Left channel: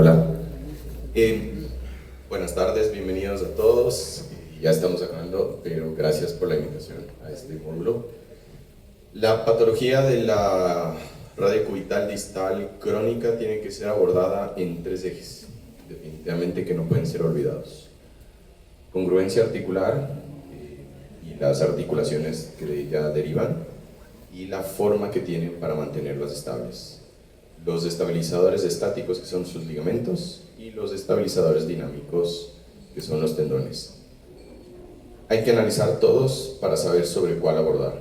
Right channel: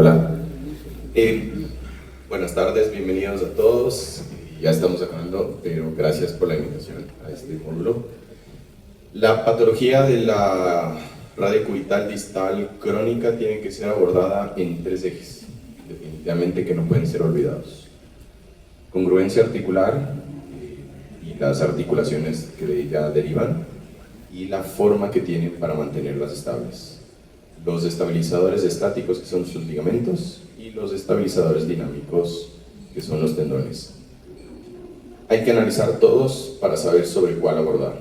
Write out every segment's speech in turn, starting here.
Hola. Buenas tardes, bienvenidos a todos. Ya estamos acabando, pero gracias por la invitación a este módulo. La patología de la radiocubital distal crónica tiene que ser abordada en 3 ejes, definitivamente que no pueden ser olvidados. Congruencia articular y las articulaciones que de ella derivan, y la forma que tienen para mantenerlas estables. Los estabilizadores estáticos, que son sus ligamentos, y los estabilizadores dinámicos, que son los tendones. Hay que analizar todos para saber sobre cuál abordar.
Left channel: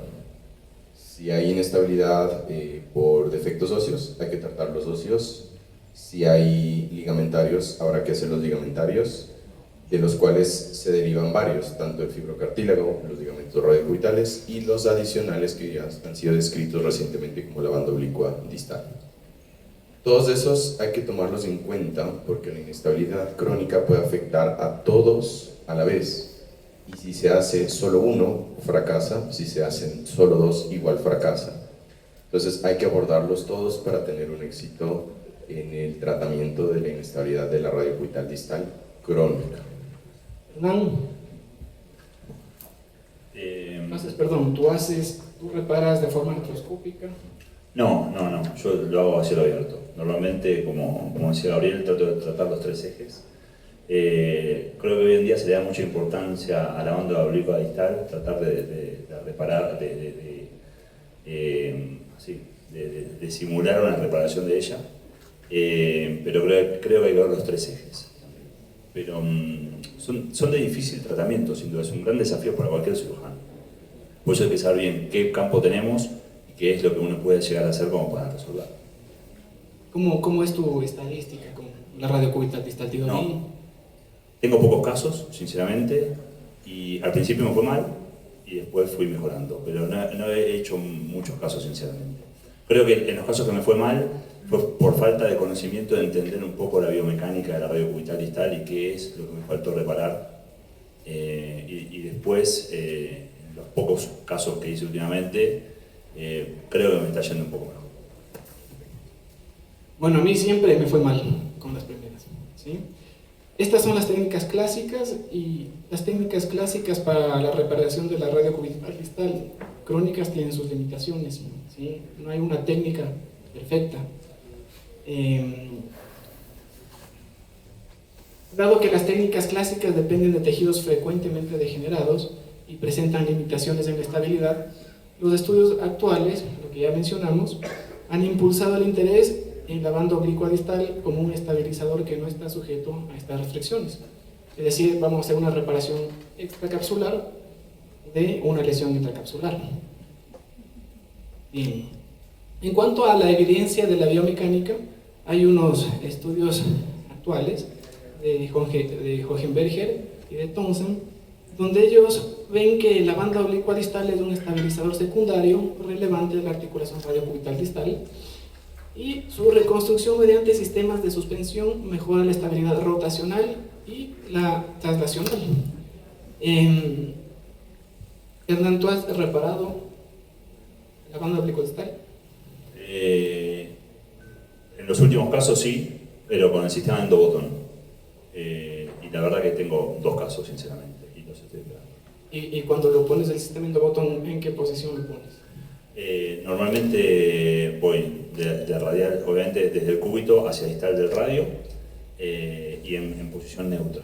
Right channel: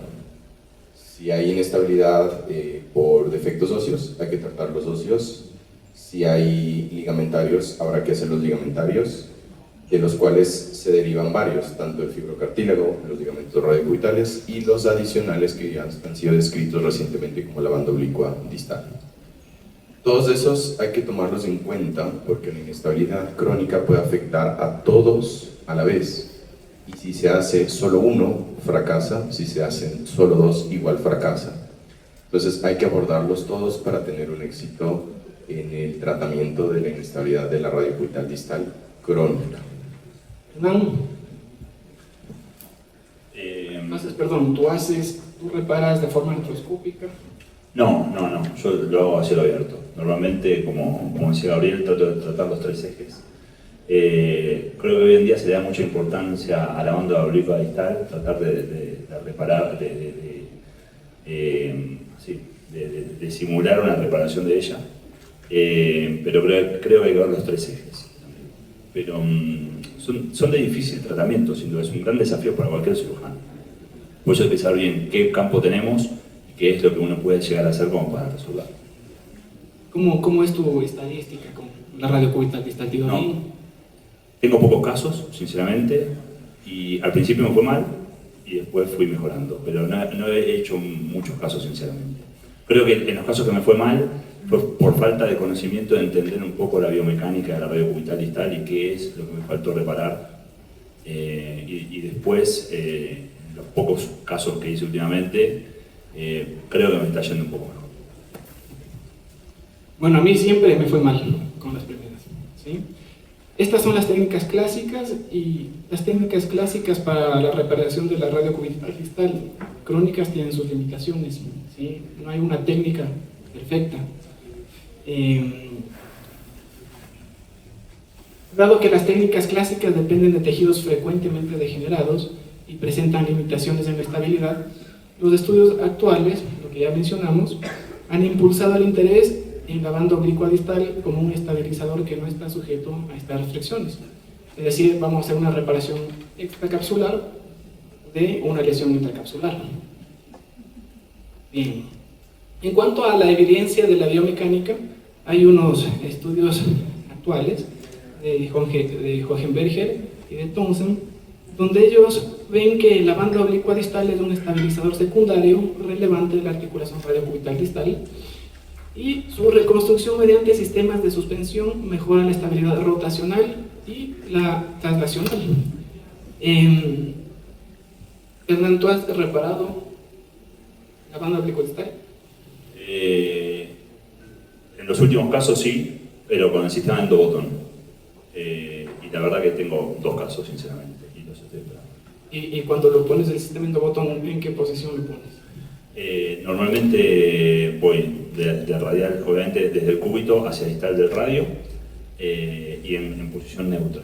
Si hay inestabilidad por defectos óseos, hay que tratar los óseos. Si hay ligamentarios, habrá que hacer los ligamentarios, de los cuales se derivan varios, tanto el fibrocartílago, los ligamentos radiocubitales y los adicionales que ya han sido descritos recientemente como la banda oblicua distal. Todos esos hay que tomarlos en cuenta porque la inestabilidad crónica puede afectar a todos a la vez, y si se hace solo uno, fracasa; si se hacen solo dos, igual fracasa. Entonces hay que abordarlos todos para tener un éxito en el tratamiento de la inestabilidad de la radiocubital distal crónica. Hernán, ¿tú reparas de forma artroscópica? No, yo lo hago a cielo abierto. Normalmente, como decía Gabriel, trato de tratar los 3 ejes. Creo que hoy en día se le da mucha importancia a la banda oblicua distal, tratar de reparar, de simular una reparación de ella, pero creo que hay que ver los 3 ejes. Pero son de difícil tratamiento, sin duda, es un gran desafío para cualquier cirujano. Por eso hay que saber bien qué campo tenemos y qué es lo que uno puede llegar a hacer como para resolver. ¿Cómo es tu estadística con la radiocubital distal? No, tengo pocos casos, sinceramente, y al principio me fue mal y después fui mejorando, pero no he hecho muchos casos, sinceramente. Creo que en los casos que me fue mal fue por falta de conocimiento, de entender un poco la biomecánica de la radiocubital distal y qué es lo que me faltó reparar. Y después, en los pocos casos que hice últimamente, creo que me está yendo un poco mejor. Bueno, a mí siempre me fue mal con las primeras, ¿sí? Estas son las técnicas clásicas, y las técnicas clásicas para la reparación de la radiocubital distal crónicas tienen sus limitaciones, ¿sí? No hay una técnica perfecta. Dado que las técnicas clásicas dependen de tejidos frecuentemente degenerados y presentan limitaciones en la estabilidad, los estudios actuales, lo que ya mencionamos, han impulsado el interés en la banda oblicua distal como un estabilizador que no está sujeto a estas restricciones. Es decir, vamos a hacer una reparación extracapsular de una lesión intracapsular. Bien. En cuanto a la evidencia de la biomecánica, hay unos estudios actuales de Hohenberger y de Thomsen, donde ellos ven que la banda oblicua distal es un estabilizador secundario relevante de la articulación radiocubital distal, y su reconstrucción mediante sistemas de suspensión mejora la estabilidad rotacional y la traslacional. Hernán, ¿tú has reparado la banda oblicua distal? En los últimos casos sí, pero con el sistema endobotón. Y la verdad que tengo 2 casos, sinceramente, y los estoy esperando. ¿Y cuando lo pones el sistema endobotón, en qué posición lo pones? Normalmente voy de radial, obviamente desde el cúbito hacia distal del radio, y en posición neutra.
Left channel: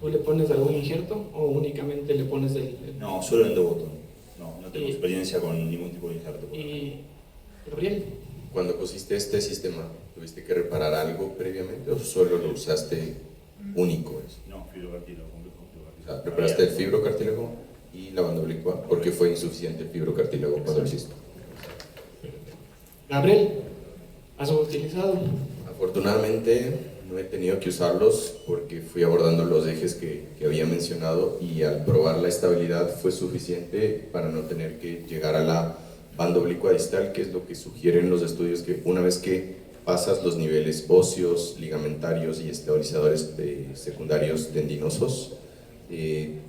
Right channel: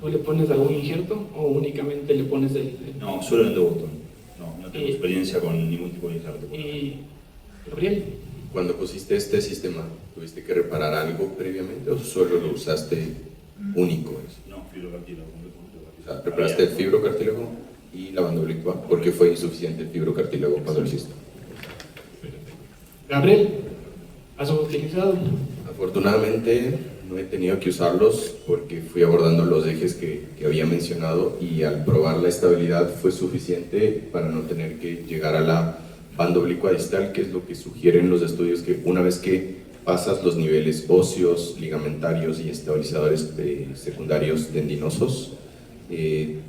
¿Tú le pones algún injerto o únicamente le pones el...? No, solo endobotón. No tengo experiencia con ningún tipo de injerto. ¿Y Gabriel? Cuando pusiste este sistema, ¿tuviste que reparar algo previamente o solo lo usaste único? No, fibrocartílago. O sea, preparaste el fibrocartílago y la banda oblicua porque fue insuficiente el fibrocartílago cuando lo hiciste. Gabriel, ¿has utilizado? Afortunadamente no he tenido que usarlos porque fui abordando los ejes que había mencionado, y al probar la estabilidad fue suficiente para no tener que llegar a la banda oblicua distal, que es lo que sugieren los estudios, que una vez que pasas los niveles óseos, ligamentarios y estabilizadores secundarios tendinosos,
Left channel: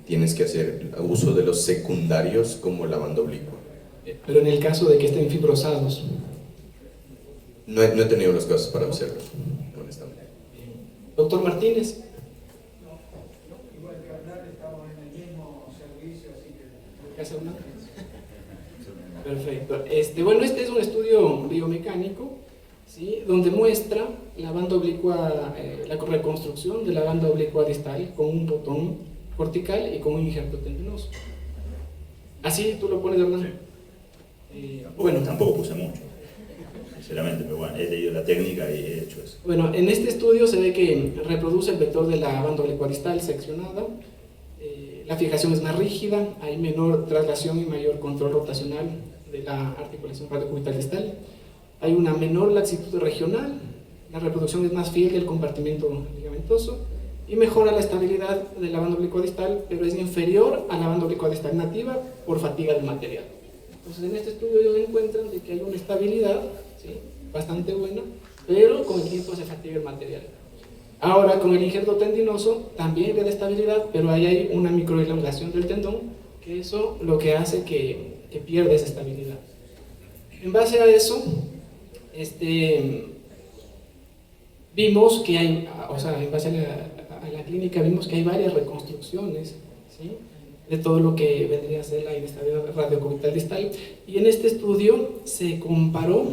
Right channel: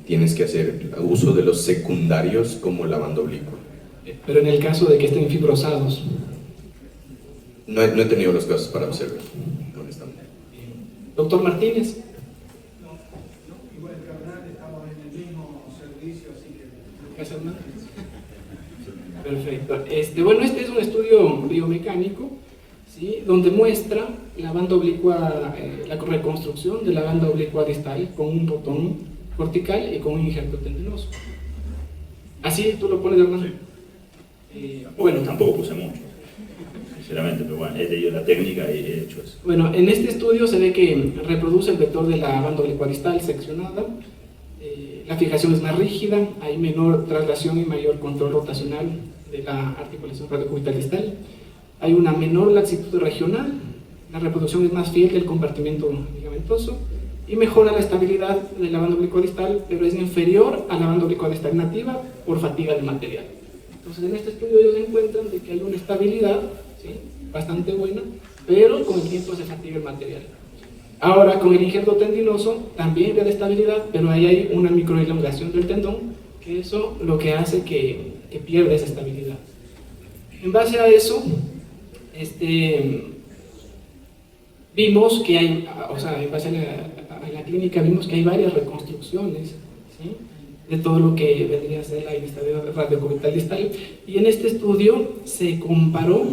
tienes que hacer uso de los secundarios como la banda oblicua. Pero en el caso de que estén fibrosados. No he tenido los casos para hacerlo, honestamente. Doctor Martínez. Igual que Hernán, estamos en el mismo servicio, así que... Gracias, Hernán. Perfecto. Bueno, este es un estudio biomecánico, ¿sí? Donde muestra la banda oblicua, la reconstrucción de la banda oblicua distal con un botón cortical y con un injerto tendinoso. Así tú lo pones, Hernán. Bueno, tampoco puse mucho, sinceramente, pero bueno, he leído la técnica y he hecho eso. Bueno, en este estudio se ve que reproduce el vector de la banda oblicua distal seccionada. La fijación es más rígida, hay menor traslación y mayor control rotacional de la articulación radiocubital distal. Hay una menor laxitud regional, la reproducción es más fiel del compartimento ligamentoso y mejora la estabilidad de la banda oblicua distal, pero es inferior a la banda oblicua distal nativa por fatiga del material. Entonces, en este estudio ellos encuentran de que hay una estabilidad, ¿sí?, bastante buena, pero con el tiempo se fatiga el material. Ahora, con el injerto tendinoso también le da estabilidad, pero ahí hay una microelongación del tendón, que eso lo que hace que pierda esa estabilidad. En base a eso, vimos que hay, o sea, en base a la clínica vimos que hay varias reconstrucciones, ¿sí?, de todo lo que vendría a ser la inestabilidad radiocubital distal, y en este estudio se comparó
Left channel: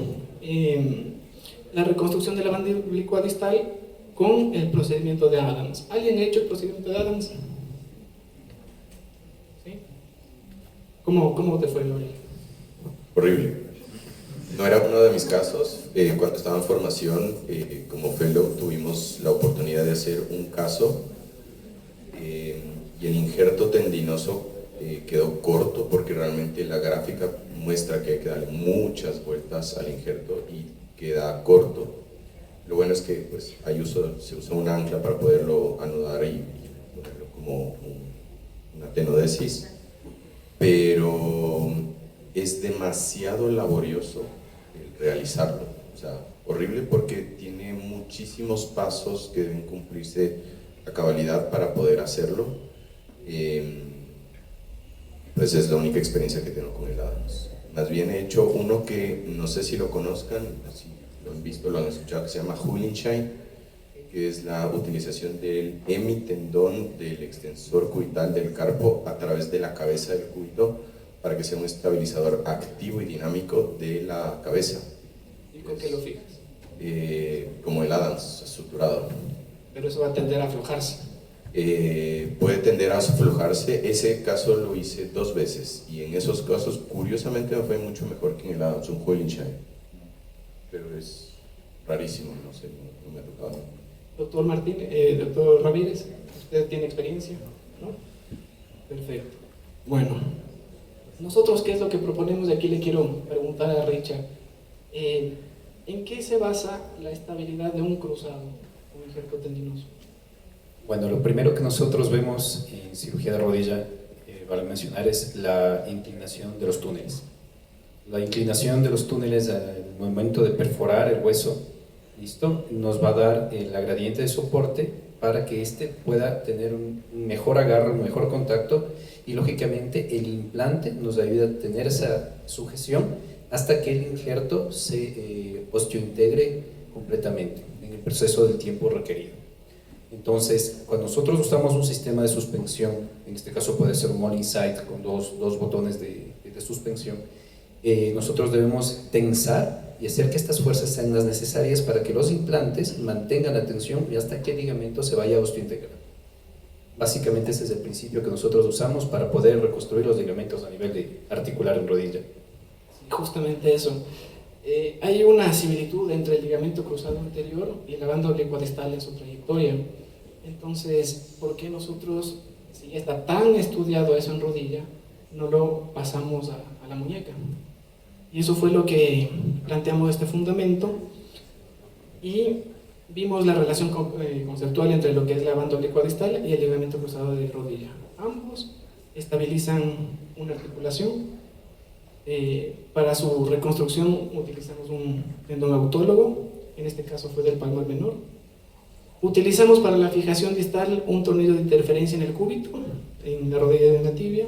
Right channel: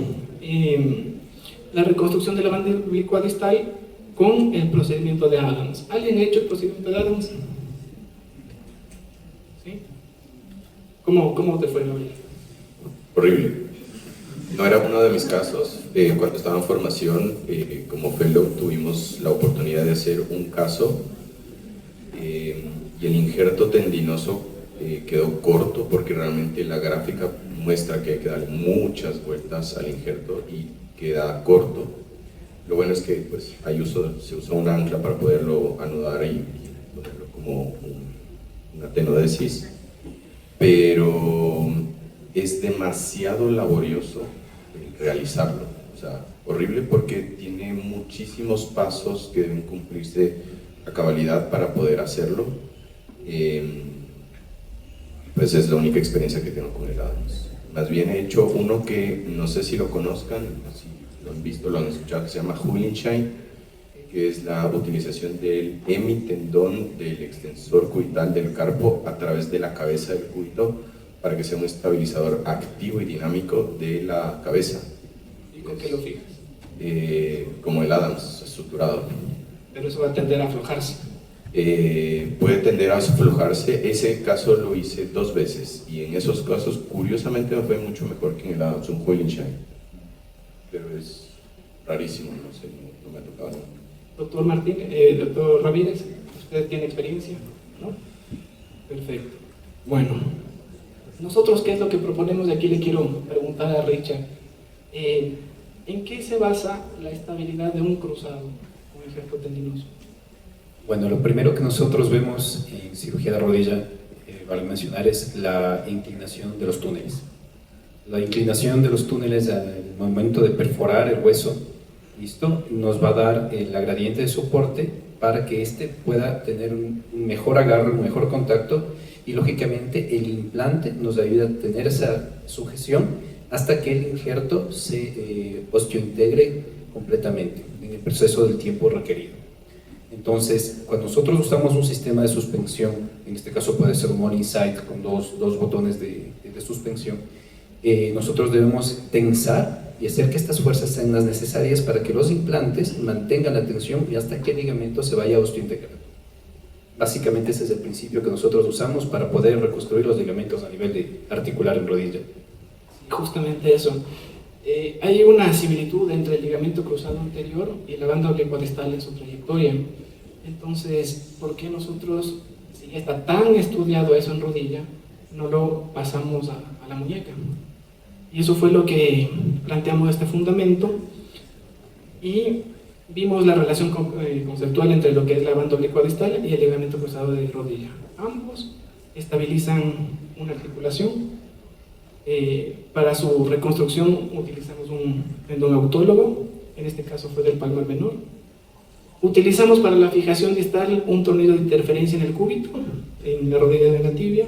la reconstrucción de la banda oblicua distal con el procedimiento de Adams. ¿Alguien ha hecho el procedimiento de Adams? ¿Sí? ¿Cómo te fue, Gabriel? Horrible. No era uno de mis casos. Cuando estaba en formación, como fellow, tuvimos la oportunidad de hacer un caso y el injerto tendinoso quedó corto porque realmente la gráfica muestra que hay que dar muchas vueltas al injerto y queda corto. Lo bueno es que pues, se usa un ancla para poderlo anudar y ponerlo como una tenodesis, pero es demasiado laborioso realizarlo. O sea, horrible porque tiene muchísimos pasos que deben cumplirse a cabalidad para poder hacerlo. Pues es la única experiencia que tengo con el Adams. Más bien he hecho uno que no sé si lo conozcan, si lo han visto, lo han escuchado, que se llama Hullenschein, que es la utilización del hemitendón del extensor cubital del carpo a través de la cabeza del cúbito para que sea un estabilizador activo y dinámico de la cabeza. ¿Y con qué lo fijas? Como el Adams, estructurado. Pero eso va a tender a aflojarse. Puede tender a aflojarse. Ese caso lo hice 2 veces y en esos casos curiosamente me fue mucho mejor que en el Adams, un Hullenschein, pero es rarísimo, no sé, no me ha tocado. Doctor Martínez, doctor Ramírez, ¿usted tiene experiencia? ¿No? Perfecto. Bueno, nosotros, ¿qué es lo que proponemos? De aquí le quiero preguntar a Richard, ¿en qué se basa la estabilidad de un cruzado con injerto tendinoso? Bueno, lo primero que nosotros vemos en cirugía de rodilla, vale mencionar, es la inclinación de los túneles. La inclinación de los túneles al momento de perforar el hueso, ¿listo?, nos va a dar la gradiente de soporte para que éste pueda tener un mejor agarre, un mejor contacto, y lógicamente el implante nos ayuda a tener esa sujeción hasta que el injerto se osteointegre completamente en el proceso del tiempo requerido. Entonces, cuando nosotros usamos un sistema de suspensión, en este caso puede ser un Morning Sight con dos botones de suspensión, nosotros debemos tensar y hacer que estas fuerzas sean las necesarias para que los implantes mantengan la tensión y hasta que el ligamento se vaya osteointegrando. Básicamente ese es el principio que nosotros usamos para poder reconstruir los ligamentos a nivel de articular en rodilla. Justamente eso. Hay una similitud entre el ligamento cruzado anterior y la banda oblicua distal en su trayectoria. Entonces, ¿por qué nosotros, si ya está tan estudiado eso en rodilla, no lo pasamos a la muñeca? Y eso fue lo que planteamos este fundamento y vimos la relación conceptual entre lo que es la banda oblicua distal y el ligamento cruzado de rodilla. Ambos estabilizan una articulación. Para su reconstrucción utilizamos un tendón autólogo, en este caso fue del palmar menor. Utilizamos para la fijación distal un tornillo de interferencia en el cúbito, en la rodilla de la tibia,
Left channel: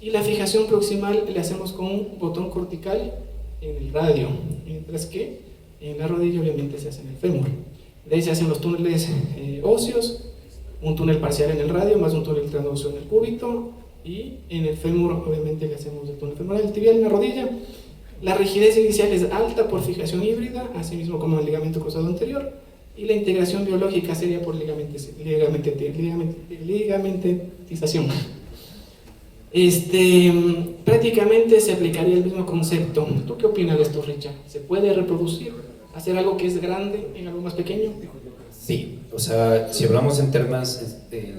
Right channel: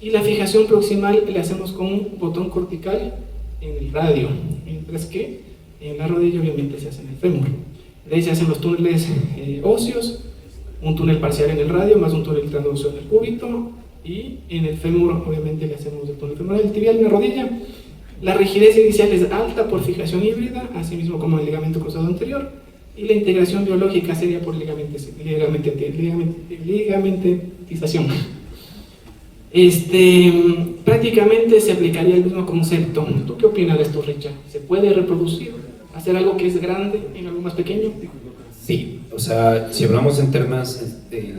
y la fijación proximal le hacemos con un botón cortical en el radio, mientras que en la rodilla obviamente se hace en el fémur. De ahí se hacen los túneles óseos, un túnel parcial en el radio, más un túnel transversal en el cúbito, y en el fémur, obviamente, le hacemos el túnel femoral, el tibial en la rodilla. La rigidez inicial es alta por fijación híbrida, así mismo como el ligamento cruzado anterior, y la integración biológica sería por ligamentización. Prácticamente se aplicaría el mismo concepto. ¿Tú qué opinas de esto, Richard? ¿Se puede reproducir? ¿Hacer algo que es grande en algo más pequeño? Sí, o sea, si hablamos en términos de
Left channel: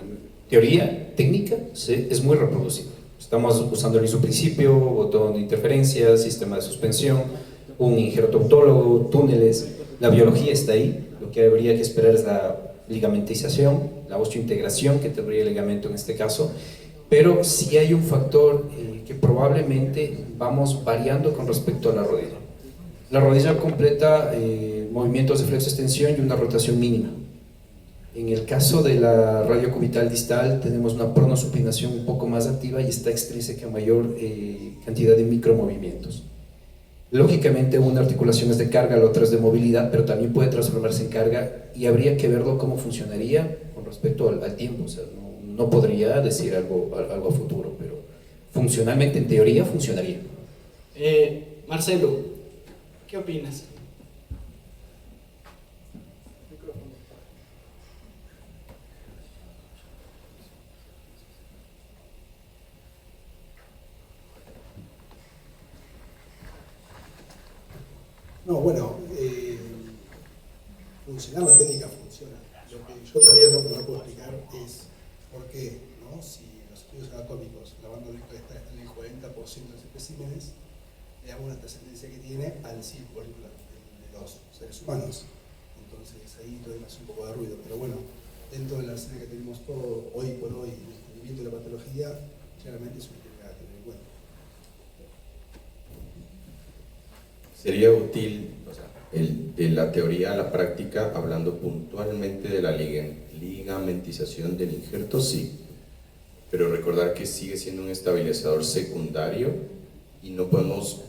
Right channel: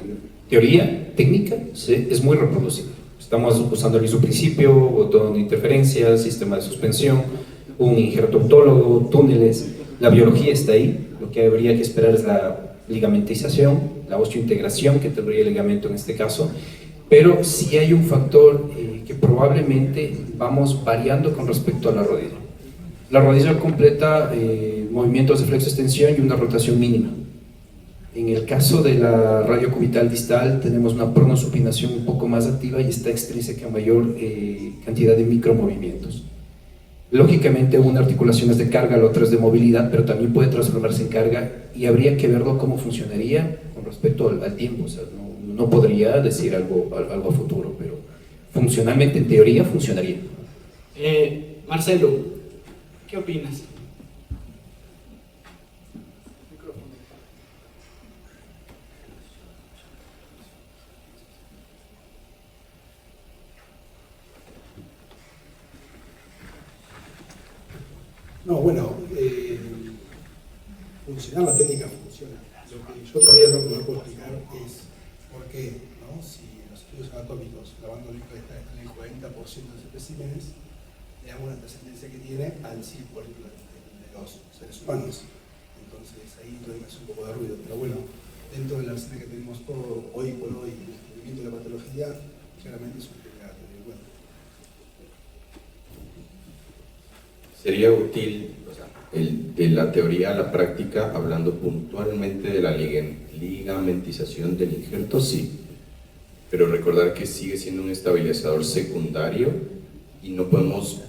teoría técnica, sí, es muy reproducible. Estamos usando el mismo principio, botón de interferencia, sistema de suspensión, un injerto autólogo, túneles. La biología está ahí. Lo que habría que esperar es la ligamentización, la osteointegración que tendría el ligamento en este caso. Pero sí hay un factor que probablemente vamos variando con respecto a la rodilla. La rodilla completa movimientos de flexo-extensión y una rotación mínima. En el caso de la radiocubital distal tenemos una pronosupinación un poco más activa y está extrínseca a mayor cantidad de micromovimientos. Lógicamente una articulación es de carga, la otra es de movilidad, pero también puede transformarse en carga y habría que verlo cómo funcionaría con respecto al tiempo. O sea, no podría decir algo a futuro, pero funcionalmente, en teoría, funcionaría. Marcelo, ¿qué opinas? No, bueno, funcionar la técnica funciona. Lo que yo todavía no puedo explicar es por qué, ¿no? Si los estudios anatómicos, la banda olímpica está en el 40% de los especímenes, veamos la trascendencia que tiene al 100% de los seres humanos. Entonces ahí todavía me hace un poco de ruido, pero bueno, dentro de la escena que tenemos hoy por hoy, el descubrimiento de la patología, claramente es un tema de bueno. Sería útil, o sea, de la teoría a la práctica, hablando puntualmente de la ligamentización del injerto, sí, pero recordar que sigue siendo un estabilizador secundario y no podemos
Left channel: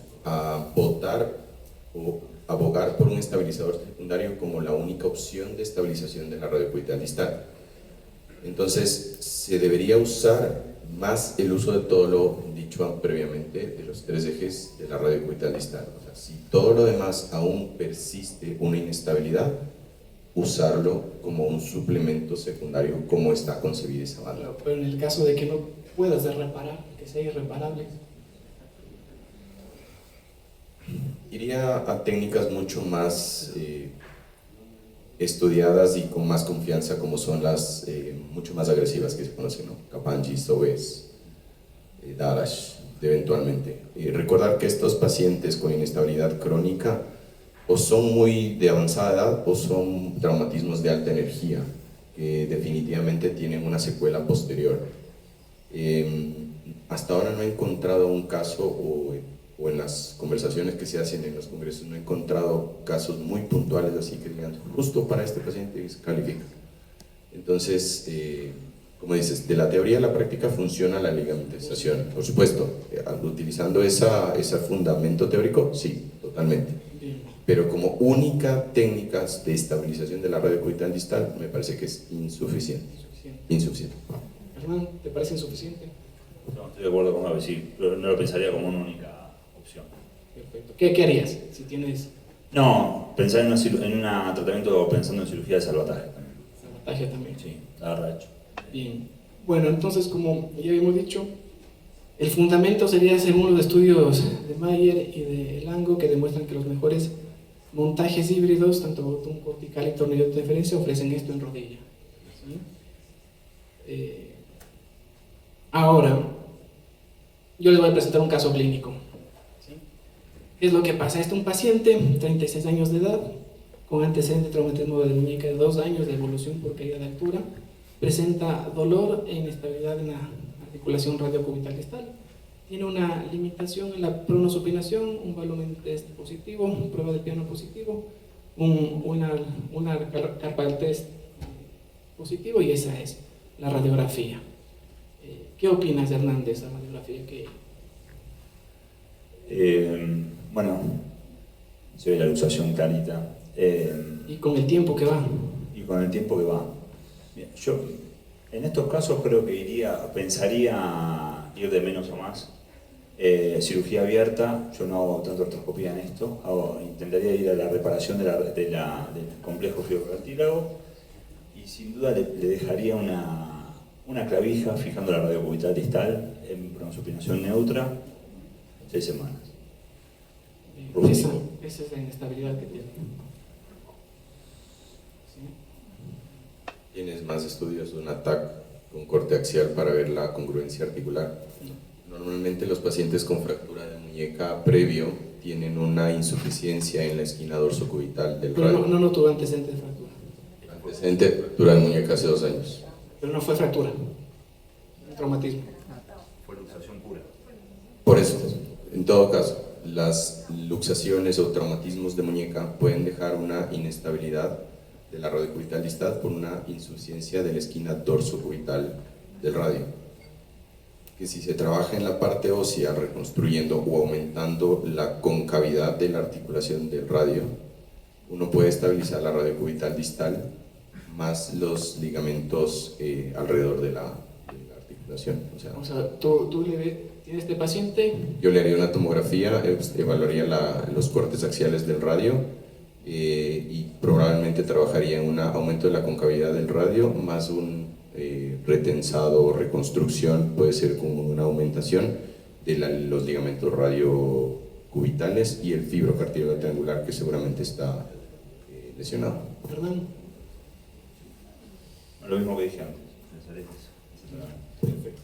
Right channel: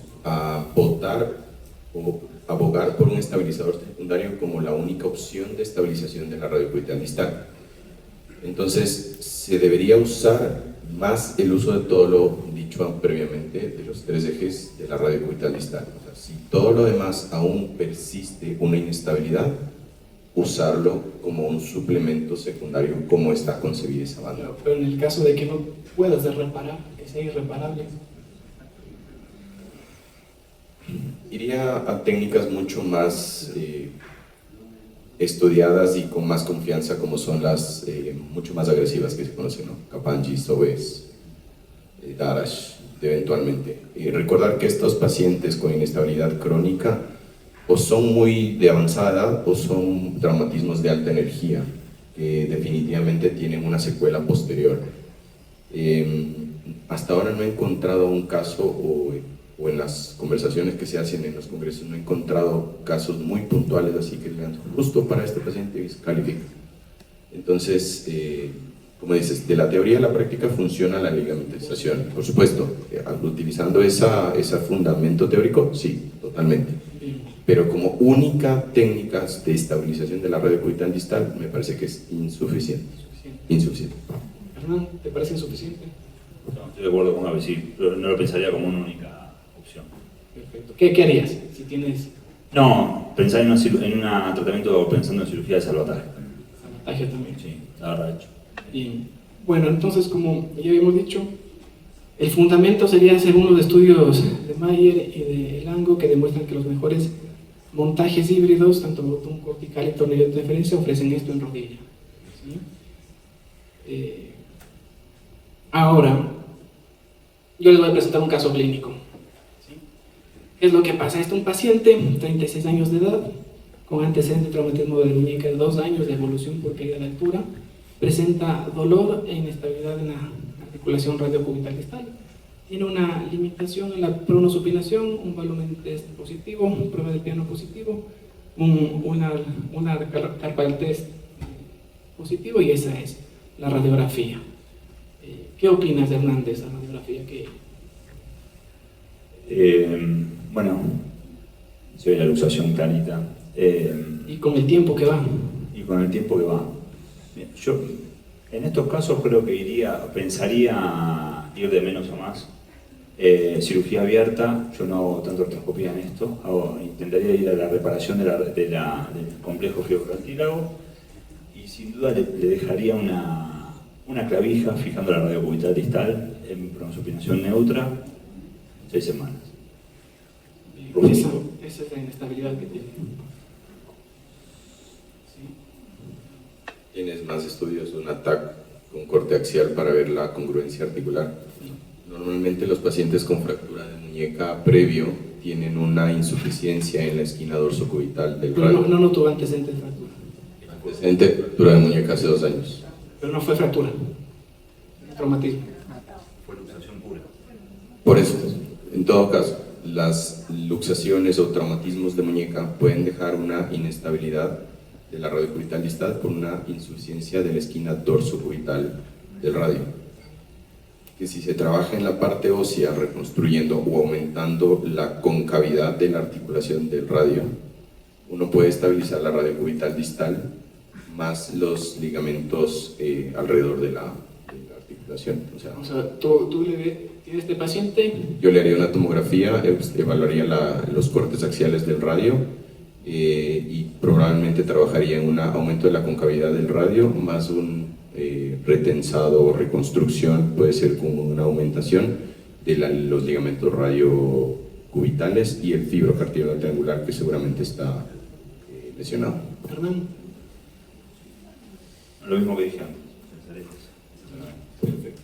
votar o abogar por un estabilizador secundario como la única opción de estabilización de la radiocubital distal. Entonces, se debería usar más el uso de todo lo dicho previamente de los 3 ejes de la radiocubital distal. O sea, si todo lo demás aún persiste una inestabilidad, usarlo como un suplemento secundario, como está concebida esa banda. Pero en el caso de que no puedas reparar, que sea irreparable. Iría a técnicas mucho más estudiadas y con más confianza, como son las mucho más agresivas que se conocen, ¿no? Kapanji, Sobes, Darash, eventualmente. Y recordar que estos pacientes con inestabilidad crónica o son muy de avanzada edad o son traumatismos de alta energía, que definitivamente tienen una secuela posterior. Hasta ahora no he encontrado un caso o en las conversaciones que se hacen en los congresos no he encontrado casos muy puntuales, así que digan, justo para este paciente califica. Entonces, como dices, de la teoría a la práctica funciona la ligamentización, por supuesto, utilizando ese fundamento teórico, sí, totalmente. Pero como única técnica de estabilización de la radiocubital distal, me parece que es insuficiente. Insuficiente. Hernán, ¿te parece insuficiente? No, estoy de acuerdo con Gaby, sí, pero no lo pensaría como una única opción. Perfecto. ¿Qué harías si tienes No, pensar en un tratamiento pensando en cirugía de salvataje. sabotaje también? Sí, la verdad hecho. Bien. Bueno, entonces, como ya habíamos dicho, el fundamento sería según los estudios de Mayer y de Lango, que demuestran que los mejores montajes híbridos, tanto botón cortical y tornillo de referencia, ofrecen esto en rodilla. ¿Sí? Ahora, yo les voy a presentar un caso clínico. ¿Sí? ¿Qué es lo que pasa? Este es un paciente, 36 años de edad, con antecedente de traumatismo de la muñeca de 2 años de evolución por caída de altura, presenta dolor e inestabilidad en la articulación radiocubital distal. Tiene una limitación en la pronosupinación, un volumen test positivo, prueba de piano positivo, una carpal test positivo, y esa es la radiografía. ¿Qué opinas, Hernán, de esa radiografía? Bueno, se ve la luxación clarita. Y con el tiempo que va. Y con el tiempo que va. Bien, yo en estos casos creo que pensaría ir de menos a más. Cirugía abierta, yo no hago tanto artroscopía en esto, intentaría ir a la reparación del complejo fibrocartílago y sin duda le dejaría una clavija fijando la radiocubital distal en pronosupinación neutra 6 semanas. Esa es la inestabilidad que tiene. ¿Sí? ¿Tienes más estudios de un ATAC con corte axial para ver la congruencia articular? Normalmente los pacientes con fractura de muñeca previo tienen una insuficiencia en la esquina dorsocubital del Pero radio. no tuvo antecedentes de fractura. Antecedente de fractura de muñeca hace 2 años. Pero no fue fractura, un traumatismo. Fue luxación pura. Por eso, en todo caso, las luxaciones o traumatismos de muñeca pueden dejar una inestabilidad de la radiocubital distal por una insuficiencia de la esquina dorsocubital del radio. Que si se trabaja en la parte ósea reconstruyendo o aumentando la concavidad de la articulación del radio, uno puede estabilizar la radiocubital distal más los ligamentos alrededor de la articulación. O sea, Tú tienes este paciente. yo le haría una tomografía, evaluaría los cortes axiales del radio y probablemente trabajaría en un aumento de la concavidad del radio más un retensado o reconstrucción, puede ser con una aumentación de los ligamentos radiocubitales y el fibrocartílago triangular que seguramente está lesionado. Hernán. Lo mismo que dije antes. Perfecto.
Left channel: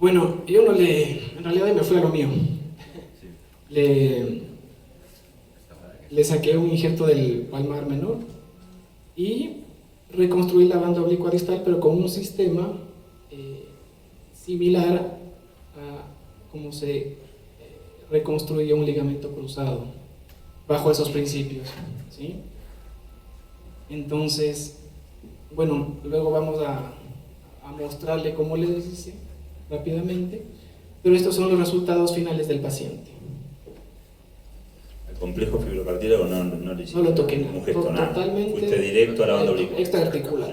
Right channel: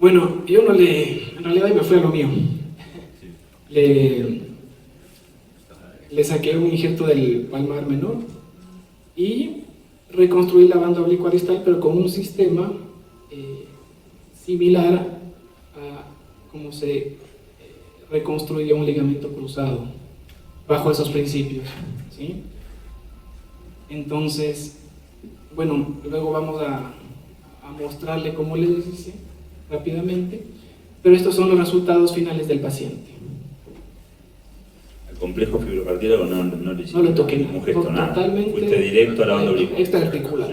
Bueno, yo en realidad me fui a lo mío. Le saqué un injerto del palmar menor y reconstruí la banda oblicua distal, pero con un sistema similar a cómo se reconstruía un ligamento cruzado, bajo esos principios, ¿sí? Entonces, bueno, luego vamos a mostrarle cómo les hice rápidamente, pero estos son los resultados finales del paciente. El complejo fibrocartílago no le hiciste No lo toqué ningún gesto, nada. totalmente. Fuiste directo a la banda oblicua. Extraarticular.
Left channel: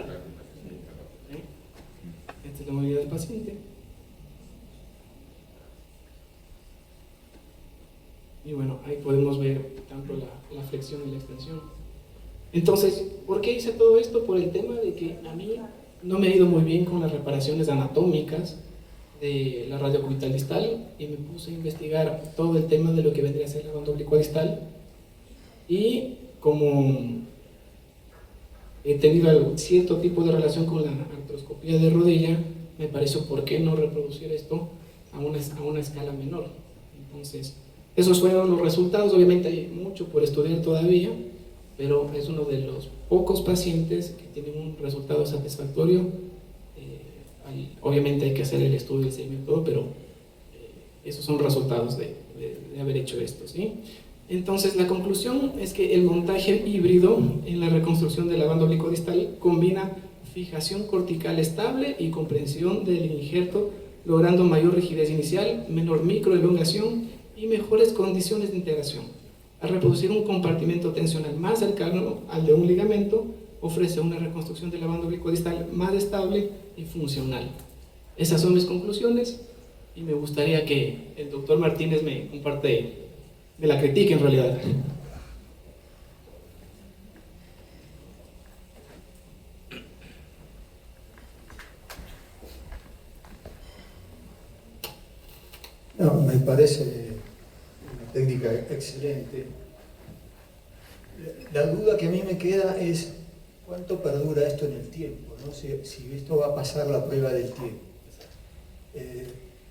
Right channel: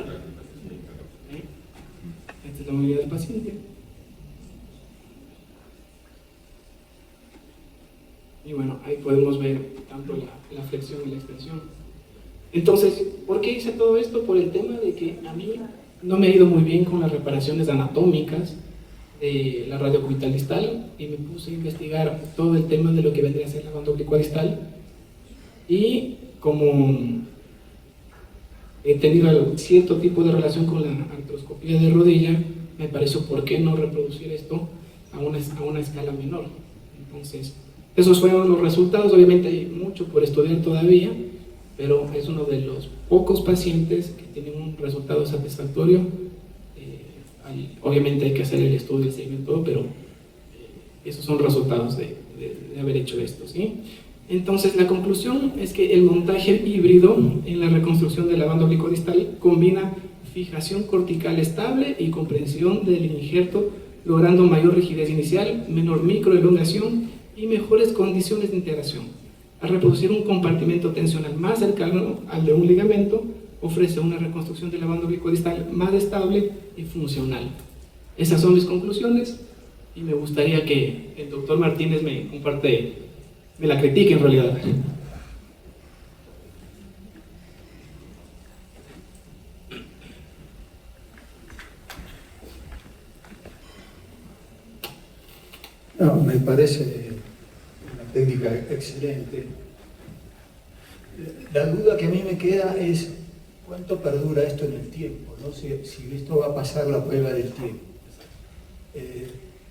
Esta es la movilidad del paciente. Y bueno, ahí podemos ver tanto la flexión y la extensión. Entonces, ¿por qué hice todo esto? Por el tema de que a mí no me ha ido muy bien con las reparaciones anatómicas de la radiocubital distal y me puse a investigar todo el tema de lo que vendría a ser la banda oblicua distal, y como he tenido cierto tipo de relación con la artroscopía de rodilla, me pareció por qué no reproducir esto a una escala menor. Entonces, esos fueron los resultados. Obviamente hay mucho por estudiar todavía, pero es uno de los pocos pacientes que tienen un resultado satisfactorio. Obviamente hay que hacer el estudio, el seguimiento, pero esos son resultados de haber hecho esto, ¿sí? Entonces la conclusión es que el montaje híbrido en la reconstrucción de la banda oblicua distal combina fijación cortical estable y comprensión del injerto, logrando mayor rigidez inicial, menor microelongación y mejores condiciones de integración. Al reproducir un compartimento tensional más cercano al de un ligamento, ofrece una reconstrucción de la banda oblicua distal más estable y funcional. Esas son mis conclusiones y me gustaría que el doctor Martínez me la critique en realidad. No, me parece una técnica excelente. La duda que a mí me queda es cuánto perdura esto en el tiempo, ¿no? Si esto va a pasar la prueba del tiempo.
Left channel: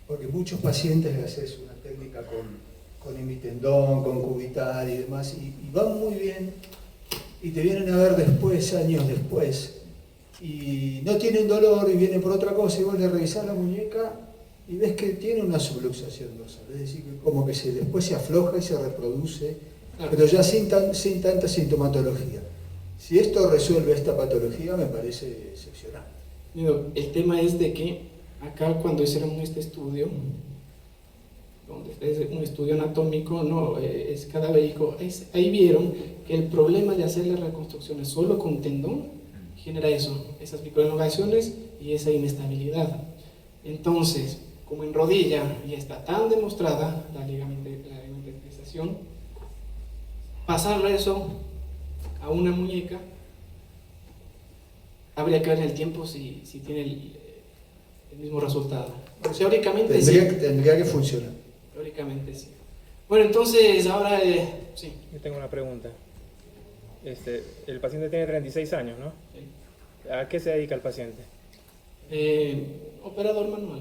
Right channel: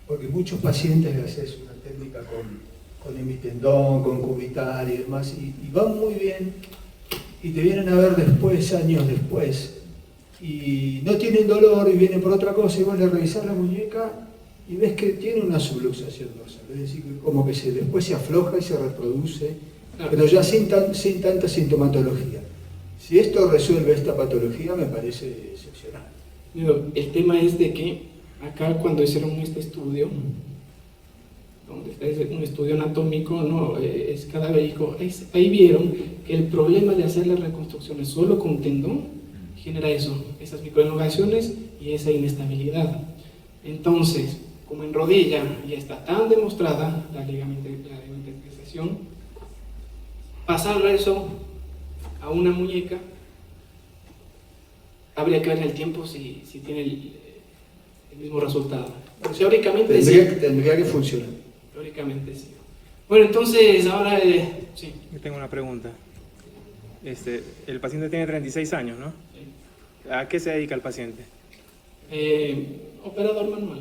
Porque muchos pacientes les haces una técnica con hemitendón, con cubital y demás, y van muy bien, y te vienen a ver después, años después, y no tienen dolor y vienen por otra cosa, y vos le revisás la muñeca y ves que tiene una subluxación dorsal, es decir, como que después se afloja y se reproduce, pero ya sin tanta sintomatología. Si esto resuelve esta patología, me parece excepcional. El tema es de que acá cuando hicieron este estudio, donde es un estudio anatómico, no es cadavérico, ahí vieron que el problema de hacer las reconstrucciones solo con tendón genera eso, esas microelongaciones y esa inestabilidad. Entonces, como en rodilla ya está tan demostrada la ligamentización, pasar eso a una muñeca, habría que ver en el tiempo si tiene el mismo resultado. Teóricamente Tendría que funcionar. Teóricamente sí. Bueno, entonces ahora sí. Yo tengo una pregunta. El paciente tiene 36 años, ¿no? ¿A qué se dedica el paciente? Operador manual.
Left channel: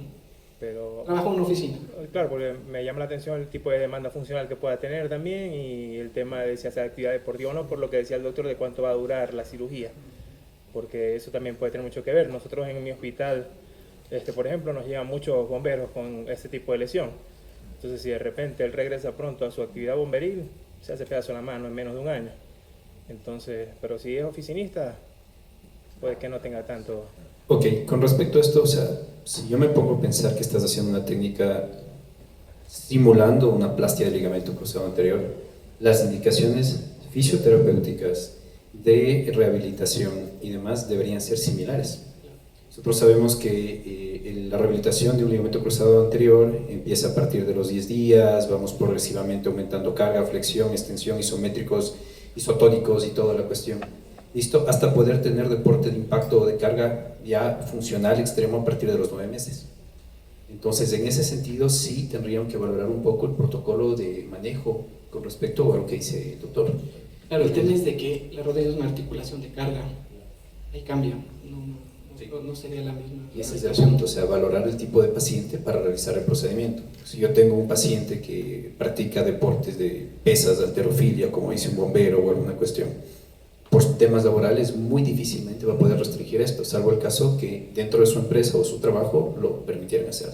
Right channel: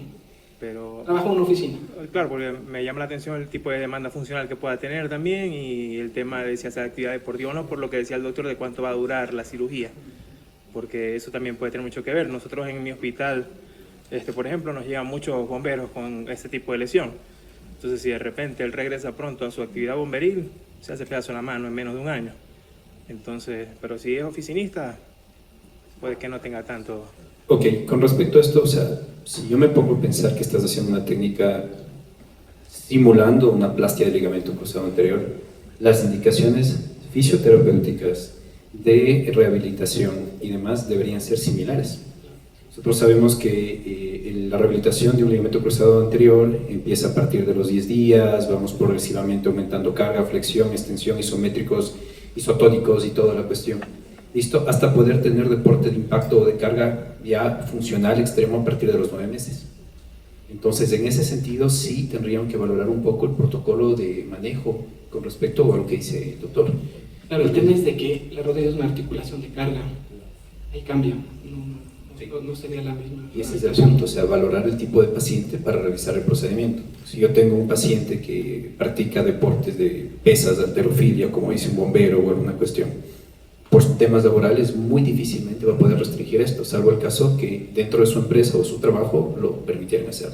Pero, trabaja en una oficina. Claro, porque me llama la atención el tipo de demanda funcional que pueda tener también y el tema de si hace actividad deportiva o no, por lo que decía el doctor de cuánto va a durar la cirugía, porque eso también puede tener mucho que ver. Nosotros en mi hospital, por ejemplo, nos llegan muchos bomberos con este tipo de lesión. Entonces, si de repente él regresa pronto a su actividad bomberil, se hace pedazo en la mano en menos de un año. Entonces, pero si es oficinista, puede que no tenga tanto. Ok, con respecto a esto, o sea, si yo me pongo a pensar que estás haciendo una técnica simulando una plastia de ligamento cruzado anterior, las indicaciones fisioterapéuticas de rehabilitación y demás deberían ser similares. Nosotros sabemos que la rehabilitación de un ligamento cruzado anterior empieza a partir de los 10 días, vamos progresivamente aumentando carga, flexión, extensión, isométricos, isotónicos y toda la cuestión. ¿Listo? Hasta poder tener deporte de impacto o de carga ya funcional extremo a partir de los 9 meses. Entonces, en ese sentido, sí tendrían que valorar un poco el protocolo de manejo con respecto a lo que dice el doctor. Claro, el tema es de que la rodilla es una articulación de carga. Ahí cambia. No sería la misma. Y ese es el punto, o sea, valorar el tipo de paciente para realizar el procedimiento. Si yo tengo un paciente que practica deportes de pesas, de halterofilia, como dice un bombero o alguna cuestión, por temas laborales muy difícilmente va a poder restringir esto, salvo el caso que dentro de su empresa o su trabajo lo permitieran hacer.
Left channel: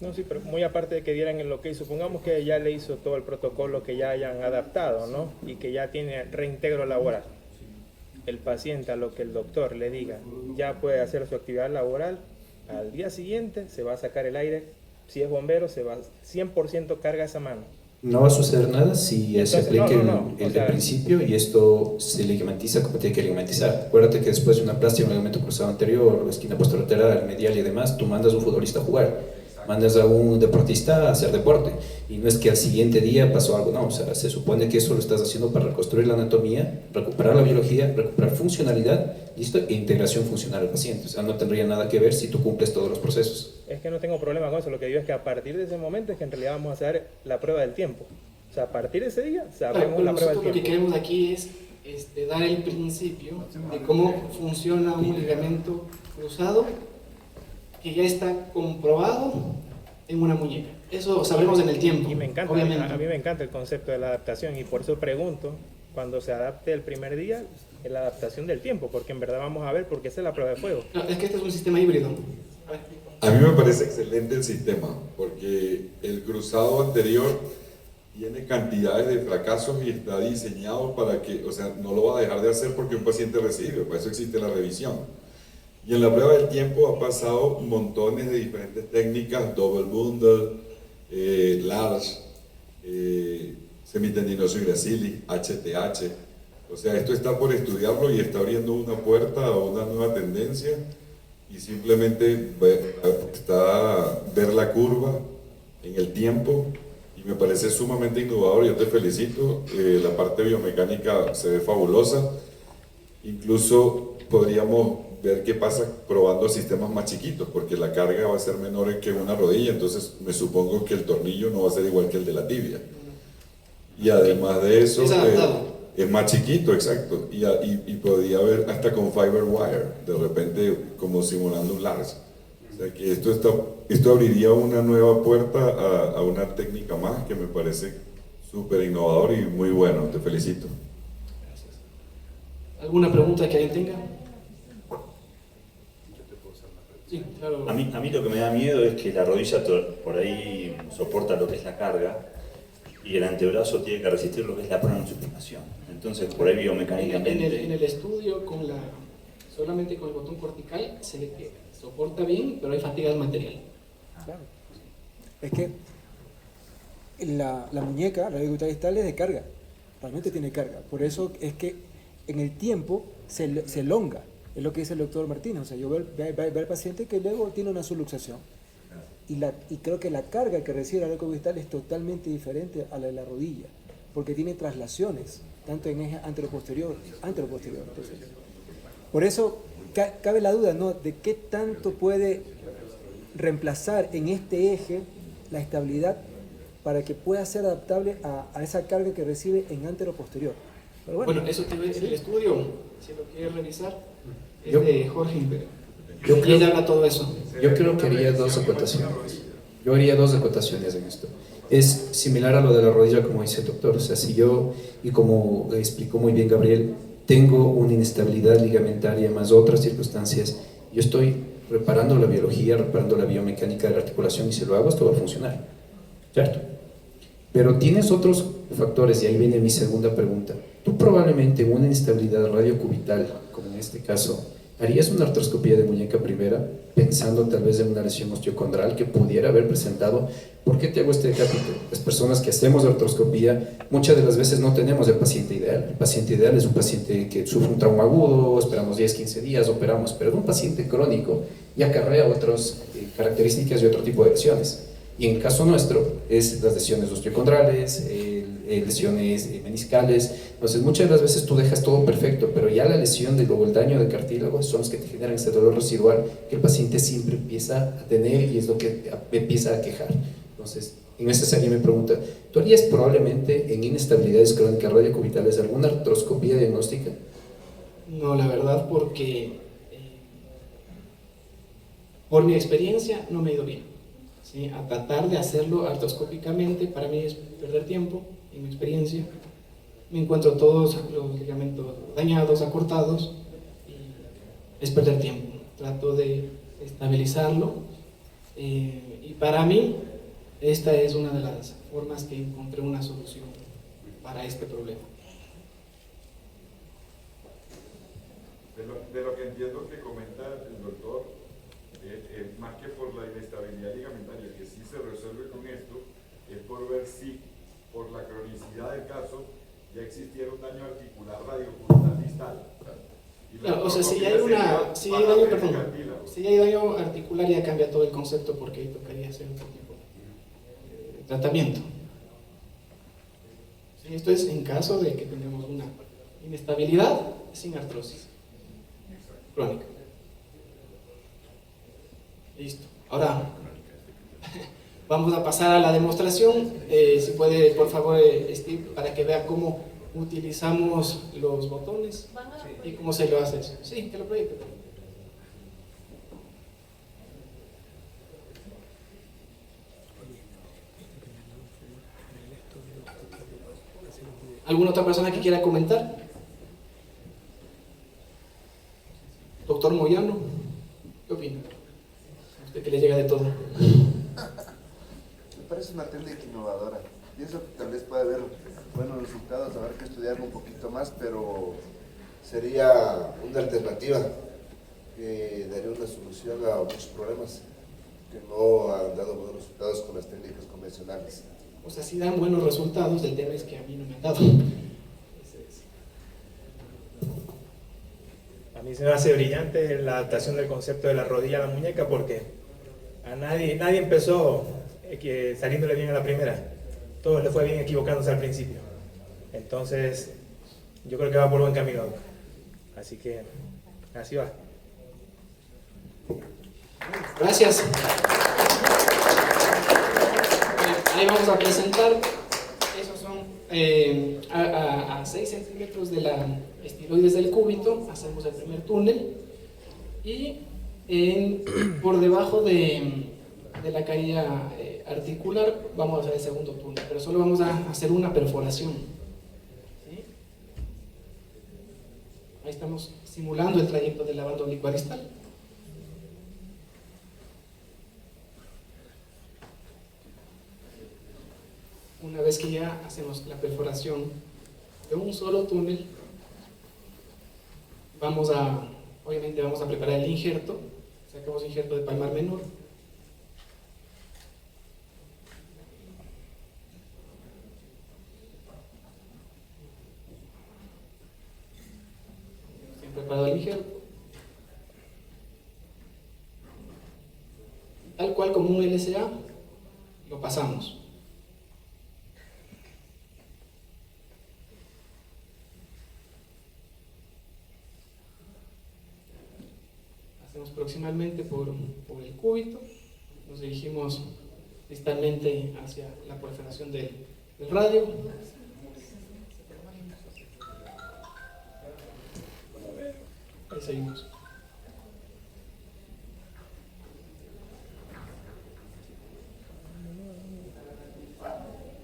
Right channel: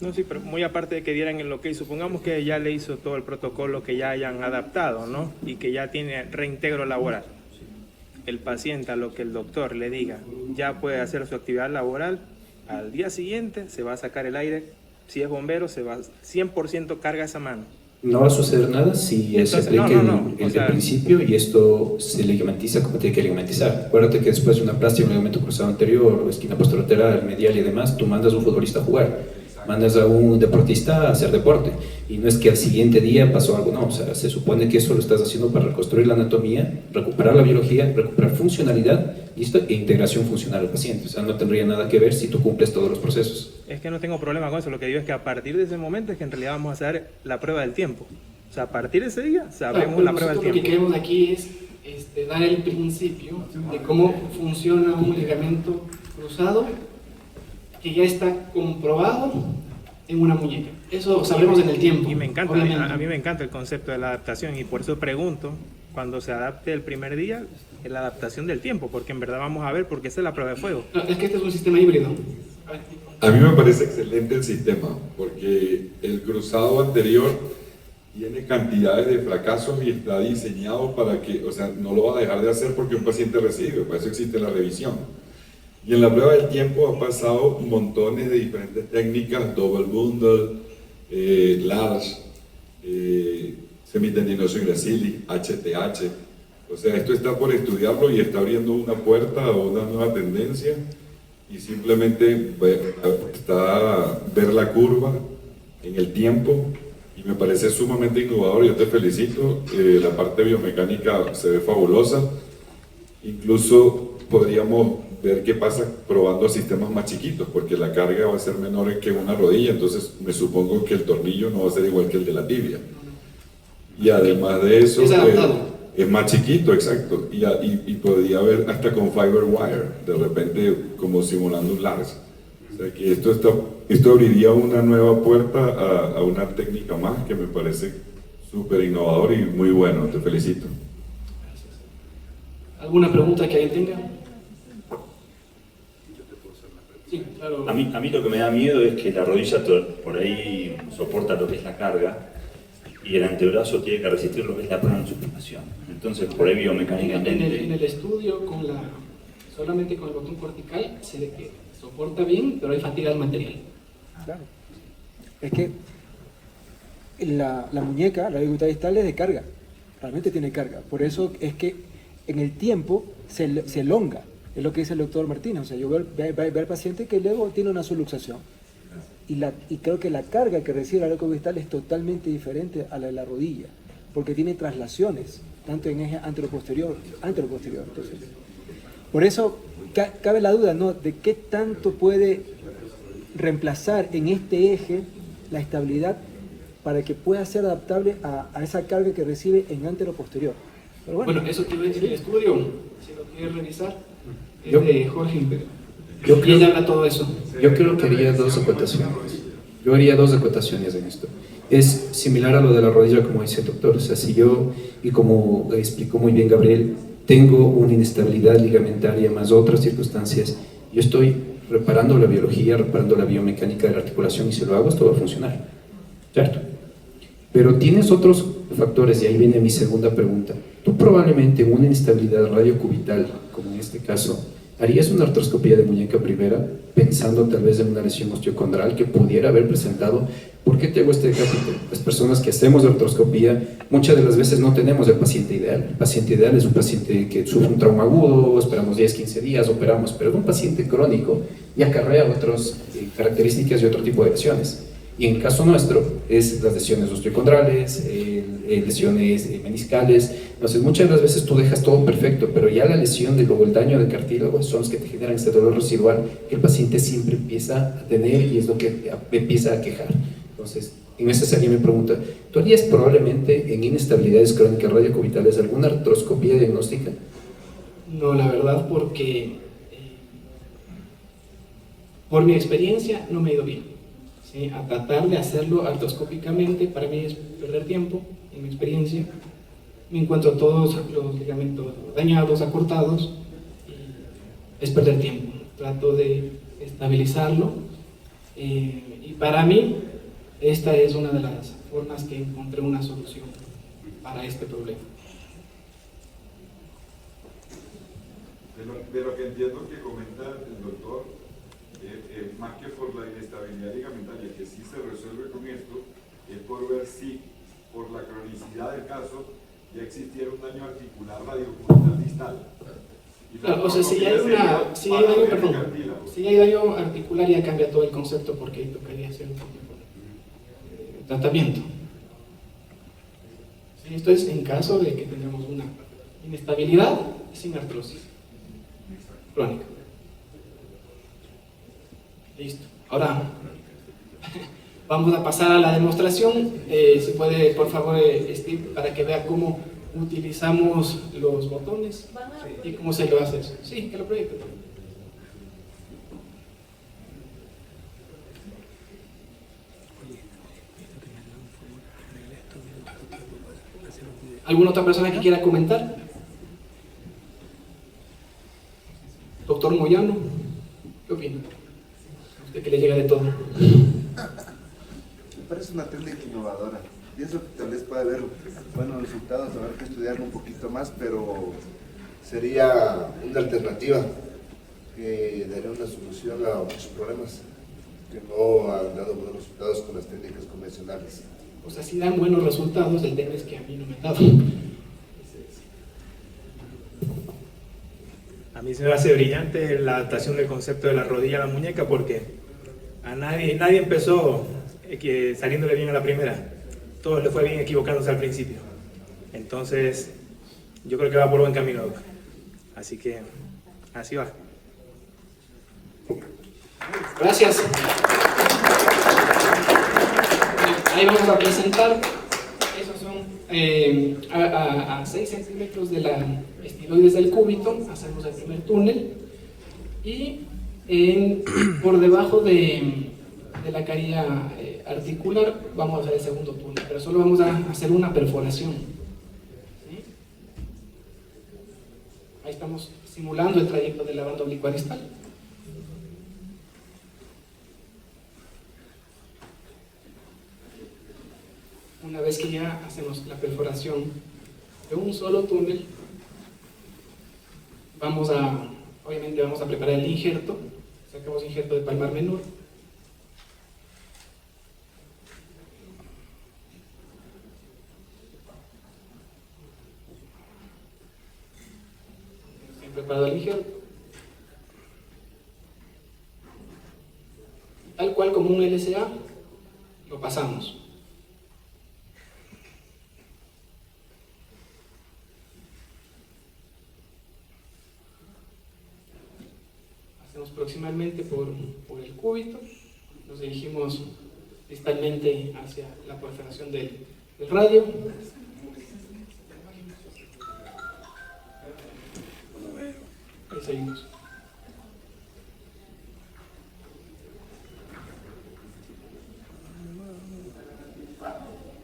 No, sí, pero muy aparte de que dieran el ok, supongamos que ya le hizo todo el protocolo, que ya hayan adaptado, ¿no? Y que ya tiene reintegro laboral. El paciente, a lo que el doctor le diga, ya puede hacer su actividad laboral, al día siguiente se va a sacar el aire, si es bombero, se va 100% carga esa mano. No va a suceder nada si se aplica el de principio y esto se ligamentiza como tiene que ligamentizar. Acuérdate que después de una plástica, un ligamento cruzado anterior, esquina posterolateral, medial y demás, tú mandas a un futbolista a jugar, mandas a un deportista a hacer deporte. Y no es que al siguiente día pasó algo, no, o sea, se supone que eso lo estás haciendo para reconstruir la anatomía, recuperar la biología, recuperar funcionalidad, listo, e integración funcional al paciente. O sea, no tendría nada que ver si tú cumples todos los procesos. Es que no tengo problema con eso, lo que digo es que a partir de ese momento es que en realidad vamos a hacer la prueba del tiempo. O sea, a partir de ese día sabemos la prueba del tiempo. Lo que queremos aquí es dar el principio de cómo funciona un ligamento cruzado que ya está comprobado en una muñeca. Eso sabremos en el tiempo. Y me encanta, obviamente. a mí me encanta el concepto de la adaptación y por eso pregunto, cuando se adapte el primer día, la adaptación del tiempo, porque en verdad vamos a ver, porque esa es la prueba de fuego. No, es que este es un sistema híbrido. A mí me parece excelente el sistema, porque el cruzado anterior tiene cantidades de fracasos y está diseñado para que, o sea, no lo va a dejar de hacer porque un paciente recibe, para eso existe la revisión. Y en la prueba del tiempo ha pasado montones de diferentes técnicas, double bundle, large, semitendinoso y gracili, HTH. O sea, esto está por estudiarlo y está abriendo una puerta a una nueva tendencia y simplemente está ver la curva en el tiempo y me parece sumamente innovador. Yo te felicito, la parte biomecánica se ve fabulosa, incluso podríamos ver qué pasa probando sistemas más chiquitos, porque la carga va a ser menor que una rodilla, entonces me supongo que el tornillo no va a ser igual que el de la tibia. Y además de eso, es más chiquito, exacto, y podría haber hasta con fiber wire, de repente como simulando un large. O sea que esto abriría una nueva puerta a una técnica más que me parece súper innovador y muy bueno, te felicito. ¿Alguna pregunta que alguien tenga? Sí, claro. A mí lo que me da miedo es que la rodilla por ahí soporta lo que es la carga y el antebrazo tiene que resistir lo que es la pronosupinación. Entonces, por ahí biomecánicamente... En el estudio, solamente con el botón cortical, se ve que soporta bien, pero hay fatiga del material. Claro. Es que la muñeca, la radiocubital distal es de carga, realmente tiene carga. Por eso es que en el tiempo se elonga, es lo que dice el doctor Martínez. O sea, yo veo al paciente que luego tiene una subluxación. Y creo que la carga que recibe la radiocubital es totalmente diferente a la de la rodilla, porque tiene traslaciones, tanto en eje anteroposterior. Entonces, por eso cabe la duda, ¿no?, de qué tanto puede reemplazar en este eje la estabilidad para que pueda ser adaptable a esa carga que recibe en anteroposterior. Pero bueno, eso te iba a decir, el estudio, si lo quieres revisar, es Yo- de Jorge Imperial. Yo Y creo- ella habla todo eso. Yo creo que haría dos acotaciones. Yo haría dos acotaciones en esto. Es similar a lo de la rodilla, como dice el doctor. O sea, si yo, y como explicó muy bien Gabriel, tengo una inestabilidad ligamentaria más otras circunstancias, yo estoy reparando la biología, reparando la biomecánica de la articulación, y si lo hago, esto va a funcionar. ¿Cierto? Pero tienes otros factores, y ahí viene mi segunda pregunta. Tú probablemente en una inestabilidad radiocubital, como en este caso, ¿harías una artroscopía de muñeca primera pensando tal vez en una lesión osteocondral que pudiera haber presentado? ¿Por qué te hago este capítulo? Las personas que hacemos artroscopía muchas de las veces no tenemos el paciente ideal. El paciente ideal es un paciente que sufre un trauma agudo, esperamos 10, 15 días, operamos, pero un paciente crónico y acarrea otras características y otro tipo de acciones. Y en el caso nuestro es las lesiones osteocondrales, lesiones meniscales. Entonces muchas de las veces tú dejas todo perfecto, pero ya la lesión o el daño de cartílago son los que te generan este dolor residual que el paciente siempre empieza a tener y es lo que empieza a quejar. Entonces, en esta serie me pregunta, ¿tú harías probablemente en inestabilidades crónicas radiocubitales alguna artroscopía diagnóstica? No, la verdad, porque por mi experiencia no me ha ido bien. ¿Sí? A tratar de hacerlo artroscópicamente para mí es perder tiempo, en mi experiencia. Me encuentro todos los ligamentos dañados, acortados, y es perder tiempo. Trato de estabilizarlo y para mí esta es una de las formas que encontré una solución para este problema. De lo que entiendo que comenta el doctor, más que por la inestabilidad ligamentaria, que sí se resuelve con esto, es por ver si, por la cronicidad del caso, ya existiera un daño articular radiocubital distal. Claro, o sea, si hay daño articular ya cambia todo el concepto, porque ahí tocaría hacer un tratamiento. Sí, esto es en caso de que tengamos una inestabilidad sin artrosis crónica. Listo. Ahora vamos a pasar a la demostración. Si puede, por favor, Steve, para que vea cómo utilizamos los botones y cómo se lo hace eso. Sí, que lo proyecte. ¿Alguna otra persona que quiera comentar? Doctor Moyano, ¿qué opina? Usted que le llega de todo. Me parece una técnica innovadora. Pienso que tal vez puede haber buenos resultados, habrá que estudiarlo un poquito más, pero sería una alternativa que daría una solución a muchos problemas que no han dado buenos resultados con las técnicas convencionales. O sea, sí dan buenos resultados, el tema es que a mí no me han dado. A mí se me hace brillante la adaptación del concepto de la rodilla a la muñeca, porque a nadie empezó saliéndole bien a la primera. Todo le fue bien equivocándose al principio. Entonces, yo creo que va por buen camino. Así que, así va. Gracias. Ahí vamos a presentar. Esos son a 6 centímetros de la estiloides del cúbito. Hacemos el primer túnel. Y por debajo de la caída articular vamos a hacer el segundo túnel. Pero solo vamos a hacer una perforación. ¿Sí? Ahí estamos simulando el trayecto de la banda oblicuar distal. Una vez que ya hacemos la perforación de un solo túnel, obviamente vamos a preparar el injerto. Sacamos injerto de palmar menor. preparado el injerto. Tal cual como un LSA, lo pasamos. Hacemos proximalmente por el cúbito, nos dirigimos distalmente hacia la perforación del radio. Ahí seguimos.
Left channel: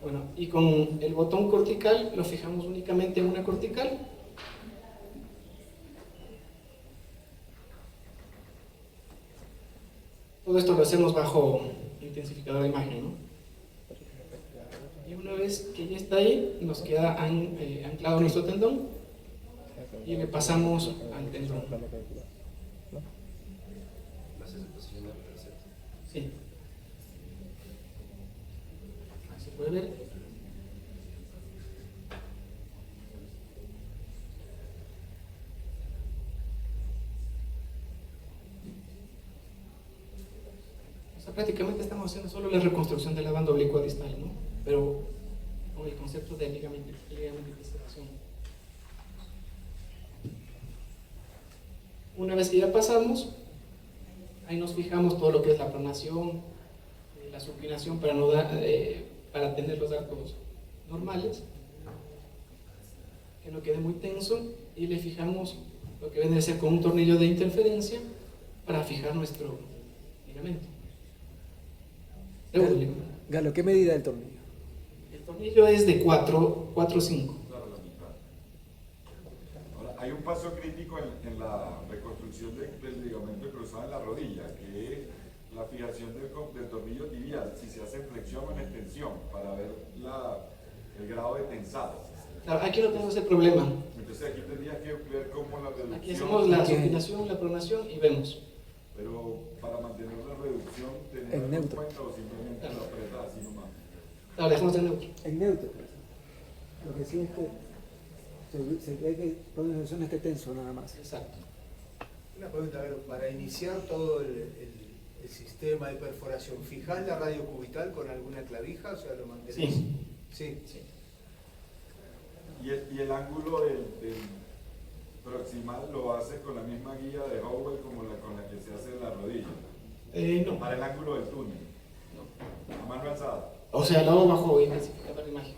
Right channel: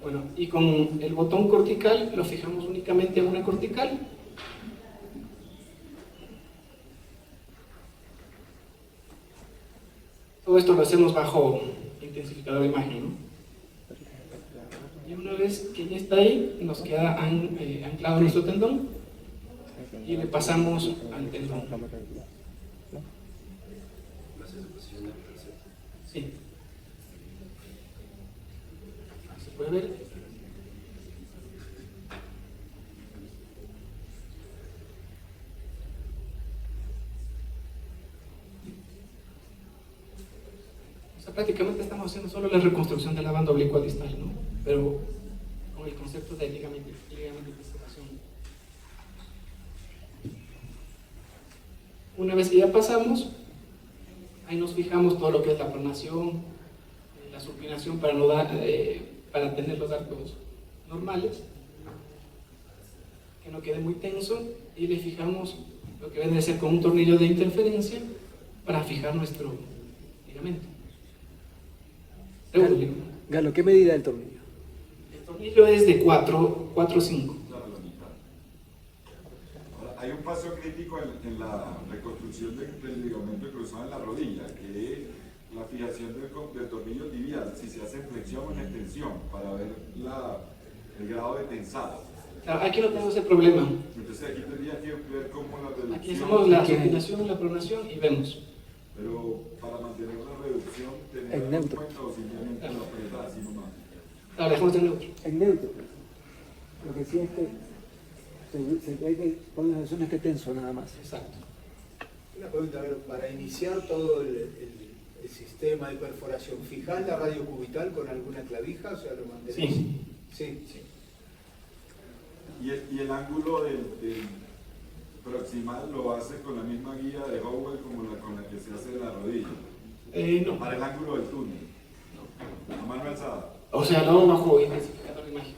Bueno, y con el botón cortical lo fijamos únicamente en una cortical. Todo esto lo hacemos bajo intensificador de imagen, ¿no? Y una vez que ya está ahí, nos queda anclado nuestro tendón y le pasamos al tendón. Sí. Ahí se puede ver. Prácticamente estamos haciendo solo la reconstrucción de la banda oblicua distal, ¿no? Pero con el concepto de ligamentización. Una vez que ya pasamos, ahí nos fijamos todo lo que es la pronación, la supinación para tener los arcos normales, que no quede muy tenso, y le fijamos lo que viene a ser con un tornillo de interferencia para fijar nuestro ligamento. Galo, ¿qué medida del tornillo? El tornillo es de 4 o 5. Ahora, hay un paso crítico en la reconstrucción del ligamento cruzado en la rodilla, que es la fijación del tornillo tibial, si se hace en flexión o en extensión, para ver el grado de tensado. Claro, aquí no tenemos ese problema. Entonces aquí tendría que ver cómo la reducción... Aquí hacemos la supinación, la pronación y vemos. Pero para mantener la reducción, ¿tener en cuenta o simplemente la apretada así nomás? Claro, dejemos en neutro. En neutro. Porque si es que se ve que toda la zona esté tenso nada más. Exacto. Una pregunta, a ver, para iniciar todo el sistema de perforación, ¿fijás la radio cubital con alguna clavija? O sea, ¿lo mantenés? Sí. Y el ángulo del proximal lo hace con la misma guía de Howell como con la que se hace de la rodilla. No. Para el ángulo del túnel. A mano alzada. O sea, no bajo intensificador de imagen.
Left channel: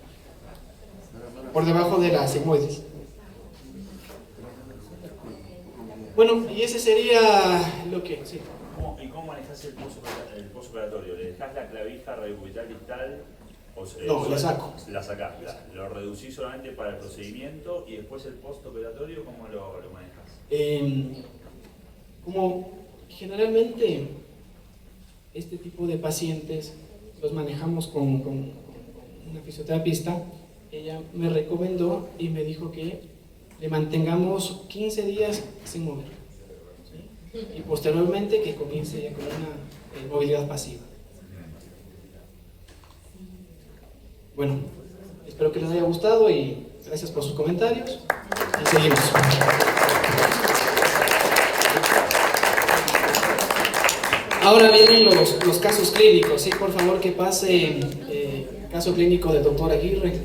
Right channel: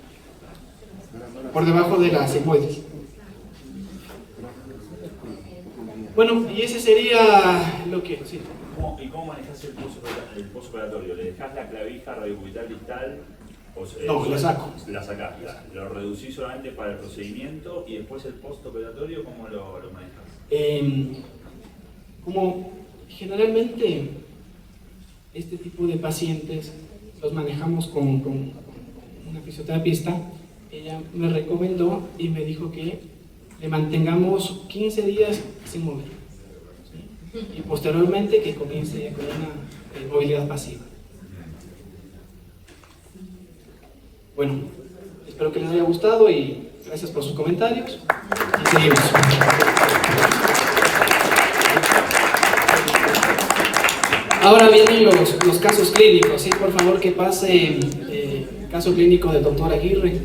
Por debajo de las sigmoides. Bueno, y ese sería lo que... Sí. ¿Y cómo manejas el postoperatorio? ¿Le dejas la clavija radiocubital distal? No, la saco. La sacás, lo reducís solamente para el procedimiento y después el postoperatorio, ¿cómo lo manejas? Como generalmente este tipo de pacientes los manejamos con una fisioterapista, ella me recomendó y me dijo que le mantengamos 15 días sin mover, ¿sí? Y posteriormente que comience con una movilidad pasiva. Bueno, espero que les haya gustado y gracias por sus comentarios. Y seguimos. Ahora vienen los casos clínicos, ¿sí? Por favor que pase el caso clínico del doctor Aguirre.